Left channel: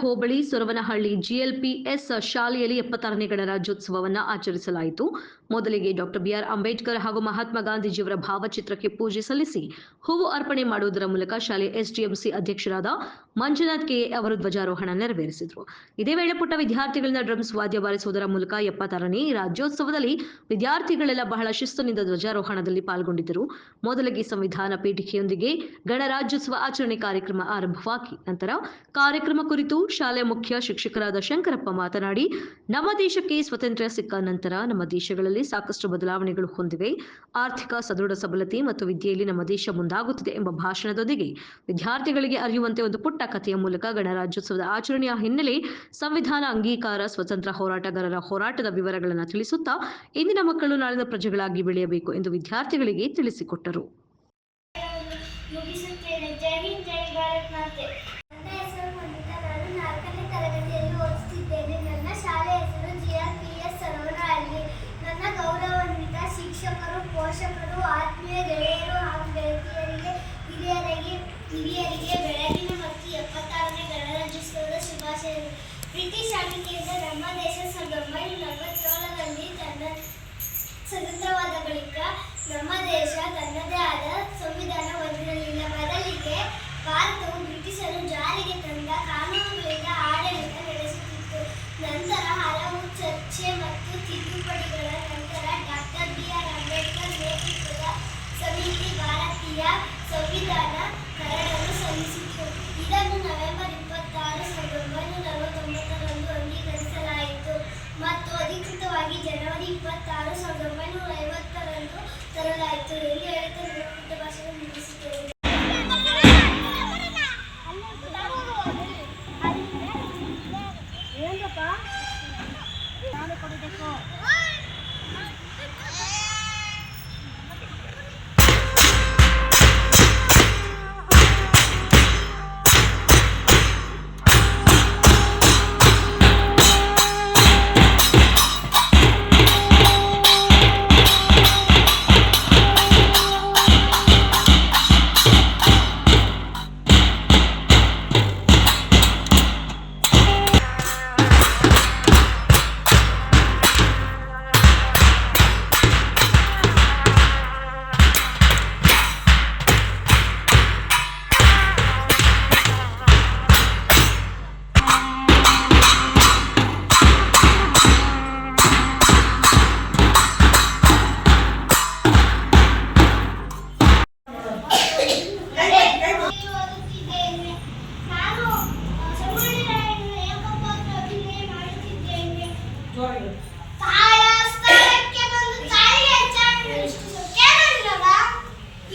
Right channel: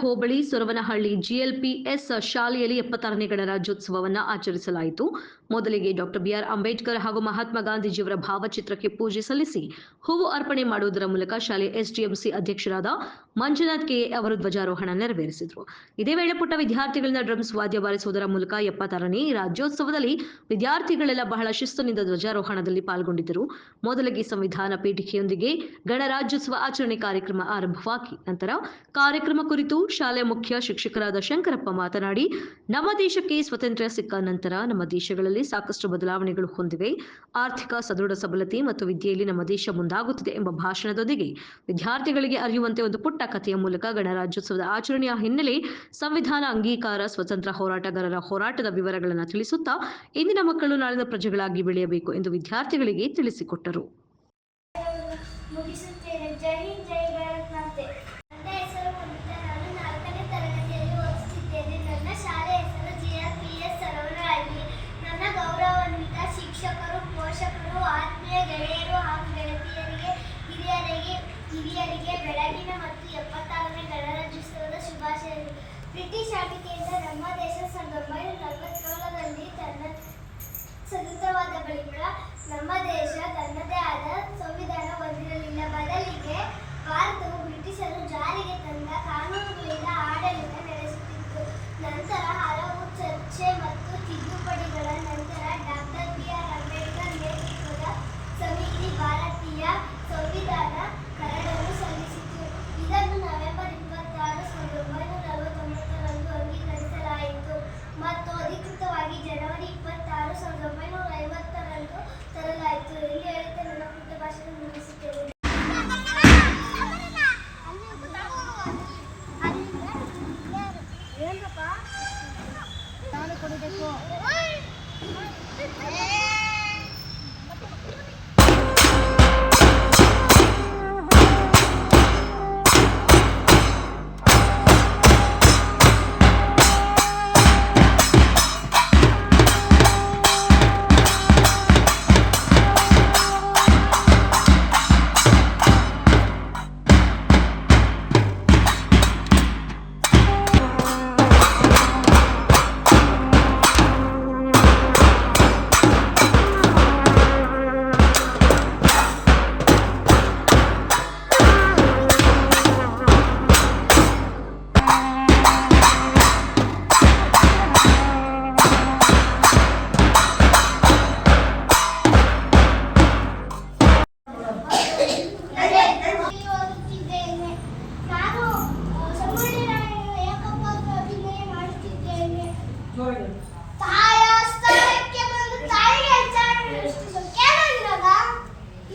ಹೋಬಳಿ ಸೊರವನಹಳ್ಳಿ ಜಿಎಲ್ಪಿಎಸ್ ಶಾಲೆಯಲ್ಲಿ 76ನೇ ಗಣರಾಜ್ಯೋತ್ಸವವನ್ನು ಆಚರಿಸಲಾಯಿತು. ಮೊದಲಿಗೆ ಡಾಕ್ಟರ್ ಬಿಆರ್ ಅಂಬೇಡ್ಕರ್ ಹಾಗೂ ಮಹಾತ್ಮ ಗಾಂಧೀಜಿಯವರ ಭಾವಚಿತ್ರಕ್ಕೆ ಪೂಜೆ ಸಲ್ಲಿಸಿ ಹೂವು ಅರ್ಪಣೆ ಮಾಡುವುದರ ಮೂಲಕ ಶಾಲೆಯ ಎಸ್ಡಿಎಂಸಿ ಅಧ್ಯಕ್ಷರಾದ ಮಂಜುನಾಥ್ ಕೆ ಅವರು ಧ್ವಜಾರೋಹಣ ನೆರವೇರಿಸಿದರು. ಇದೇ ವೇಳೆ ಪುಟ್ಟ ವಿದ್ಯಾರ್ಥಿಗಳಿಂದ ಡ್ರಮ್ಸ್ ವಾದ್ಯ ಬಾರಿಸುವುದರ ಮೂಲಕ 76ನೇ ರಾಜ್ಯೋತ್ಸವದಲ್ಲಿ ವಿದ್ಯಾರ್ಥಿಗಳೆಲ್ಲ ಬಹಳ ಶಿಸ್ತುನಿಂದ ಧ್ವಜಾರೋಹಣದಲ್ಲಿ ಪಾಲ್ಗೊಂಡಿದ್ದರು. ಮೊದಲಿಗೆ ಸಂವಿಧಾನ ಪೀಠಿಕೆಯೊಂದಿಗೆ ಗಣರಾಜ್ಯೋತ್ಸವ ಆಚರಣೆ ಕಾರ್ಯಕ್ರಮ ಆರಂಭವಾಗಿ ನಂತರ ಕಾರ್ಯಕ್ರಮ ಕುರಿತು ಶಾಲೆ ಮುಖ್ಯ ಶಿಕ್ಷಕರಾದ ಶಂಕರಪ್ಪ ಮಾತನಾಡಿ, ನಮ್ಮ ದೇಶಕ್ಕೆ ಸ್ವಾತಂತ್ರ್ಯ ಸಿಕ್ಕ ನಂತರ ನಮ್ಮ ದೇಶಗಳಲ್ಲಿ ಸಾಕಷ್ಟು ಬದಲಾವಣೆಗಳು ಹೊಂದಿವೆ. ಆರ್ಥಿಕ ಸದೃಢ ಸಬಲತೆ ಮತ್ತು ವಿದ್ಯೆಯಲ್ಲಿ ನಮ್ಮ ದೇಶ ಮುಂದಾಗುತ್ತಿದೆ ಎಂಬ ಭಾಷಣದೊಂದಿಗೆ ವಿದ್ಯಾರ್ಥಿಗಳಿಗೆ ಅರಿಯುವಂತೆ ಒಂದು ಪುಟ್ಟ ಕಥೆಯ ಮೂಲಕ ಗಣರಾಜ್ಯೋತ್ಸವದ ಆಚರಣೆಯ ಹಿನ್ನೆಲೆ, ಸಂವಿಧಾನ ಅಂಗೀಕಾರ, ಸ್ವತಂತ್ರ ಹೋರಾಟಗಾರರ ಹೋರಾಟದ ವಿವರಗಳನ್ನು ತಿಳಿಸುತ್ತಾ ಇಂದಿನ ಮಕ್ಕಳು ನಾಳಿನ ಪ್ರಜೆಗಳಾಗಿ ಬೆಳೆಯಬೇಕು ಎಂದು ವಿದ್ಯಾರ್ಥಿಗಳಿಗೆ ತಿಳಿಸಿಕೊಟ್ಟರು. ಜೈ ಹಿಂದ್, ಜೈ ಭಾರತ್ ಮಾತೆ. ನನ್ನ ಹೆಸರು ನಮಿತಾ. ನಾನು 4ನೇ ತರಗತಿಯಲ್ಲಿ ಓದುತ್ತಿದ್ದೇನೆ. ನನ್ನ ಶಾಲೆ ಹೆಸರು ಜಿಎಲ್ಪಿಎಸ್ ಸೊರವನಹಳ್ಳಿ. ನನ್ನ ಗೌರವಾನ್ವಿತ ಶಿಕ್ಷಕರು, ಪೋಷಕರು, ಆತ್ಮೀಯ ಗೆಳೆಯರು ಹಾಗೂ ಗೆಳತಿಯರಿಗೆ, ಹಿರಿಯರಿಗೆ ಬೆಳಗಿನ ಮತ್ತು 76ನೇ ಗಣರಾಜ್ಯೋತ್ಸವದ ಶುಭಾಶಯಗಳು. ಬ್ರಿಟಿಷ್ ಆಳ್ವಿಕೆಯಿಂದ ನಮ್ಮ ದೇಶ 1947ರಲ್ಲಿ ತನ್ನ ಸ್ವತಂತ್ರವಾದ ಬಳಿಕ ನಮ್ಮ ದೇಶ ತನ್ನದೇ ಆದ ಸಂವಿಧಾನ ಹೊಂದಿರಲಿಲ್ಲ. ಬದಲಿಗೆ ಭಾರತವು ಬ್ರಿಟಿಷರು ಜಾರಿಗೆ ತಂದ ಕಾನೂನುಗಳಿಂದ ಆಡಳಿತ ನಡೆಸುತ್ತಿತ್ತು. ನಂತರ ಹಲವು ಚರ್ಚೆ ಮತ್ತು ತಿದ್ದುಪಡಿಗಳ ನಂತರ ಡಾಕ್ಟರ್ ಬಿಆರ್ ಅಂಬೇಡ್ಕರ್ ನೇತೃತ್ವದ ಸಮಿತಿ ಭಾರತೀಯ ಸಂವಿಧಾನ ಕರಡನ್ನು ಸಲ್ಲಿಸಿತು. ಇದನ್ನು ನವೆಂಬರ್ 26, 1949ರಂದು ಅಂಗೀಕರಿಸಲಾಯಿತು ಮತ್ತು ಅಧಿಕೃತವಾಗಿ ಜನವರಿ 26, 1950ರಂದು ತರಲಾಯಿತು ಎಂದು ಹೇಳುತ್ತಾ ನನ್ನ ಪುಟ್ಟ ಭಾಷಣ ಮುಗಿಸುತ್ತೇನೆ. ಕೊಡಬೇಕು.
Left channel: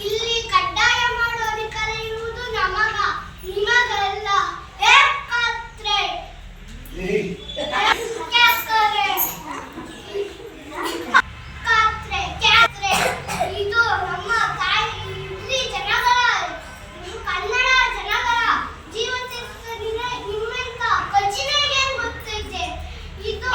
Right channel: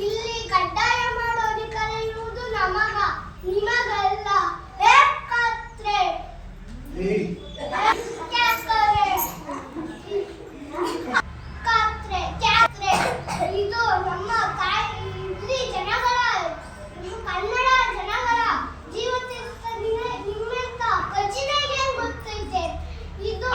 ಇಲ್ಲಿ ಕಡ್ಡಾಯ ಮಾಡೋ ಅಧಿಕಾರ ಇರುವುದು ನಿಮಗಲ್ಲ. ಇದು ನಮ್ಮ ತಾಯಿ ಇಲ್ಲಿ ಜನಗಳ ಕನ್ನಡ ಜನಗಳ ಜೀವನ ನಿಮ್ಮೆಂತ ಕಚ್ಚಿನಾಗೆ ಗೊತ್ತೈತೆ. ಇದು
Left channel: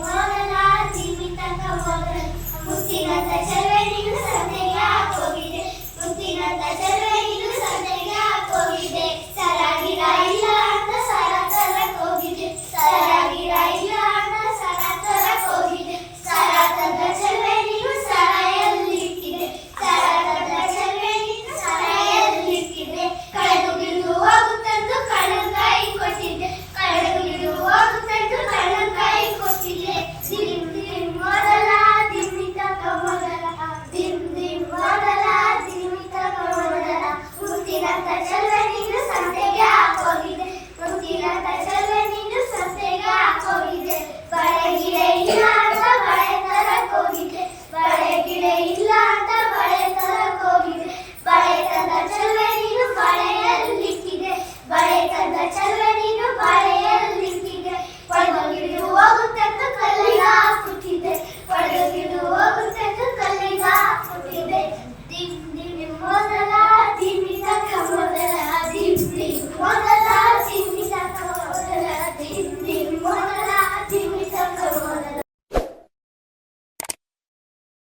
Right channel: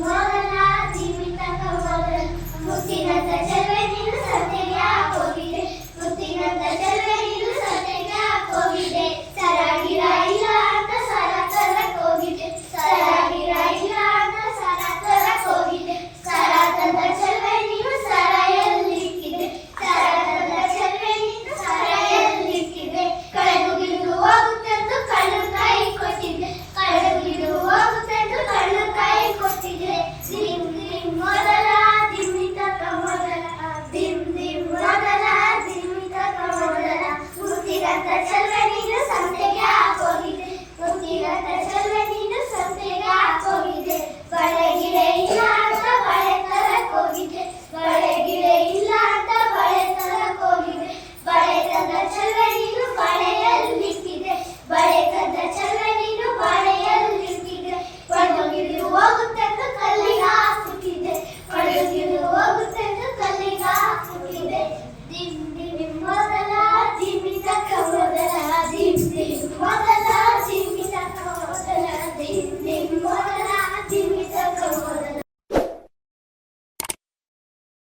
ಓದಲ ಜೀವಿತಂಗ ಓದಲು ಮುತ್ತಿನಂತ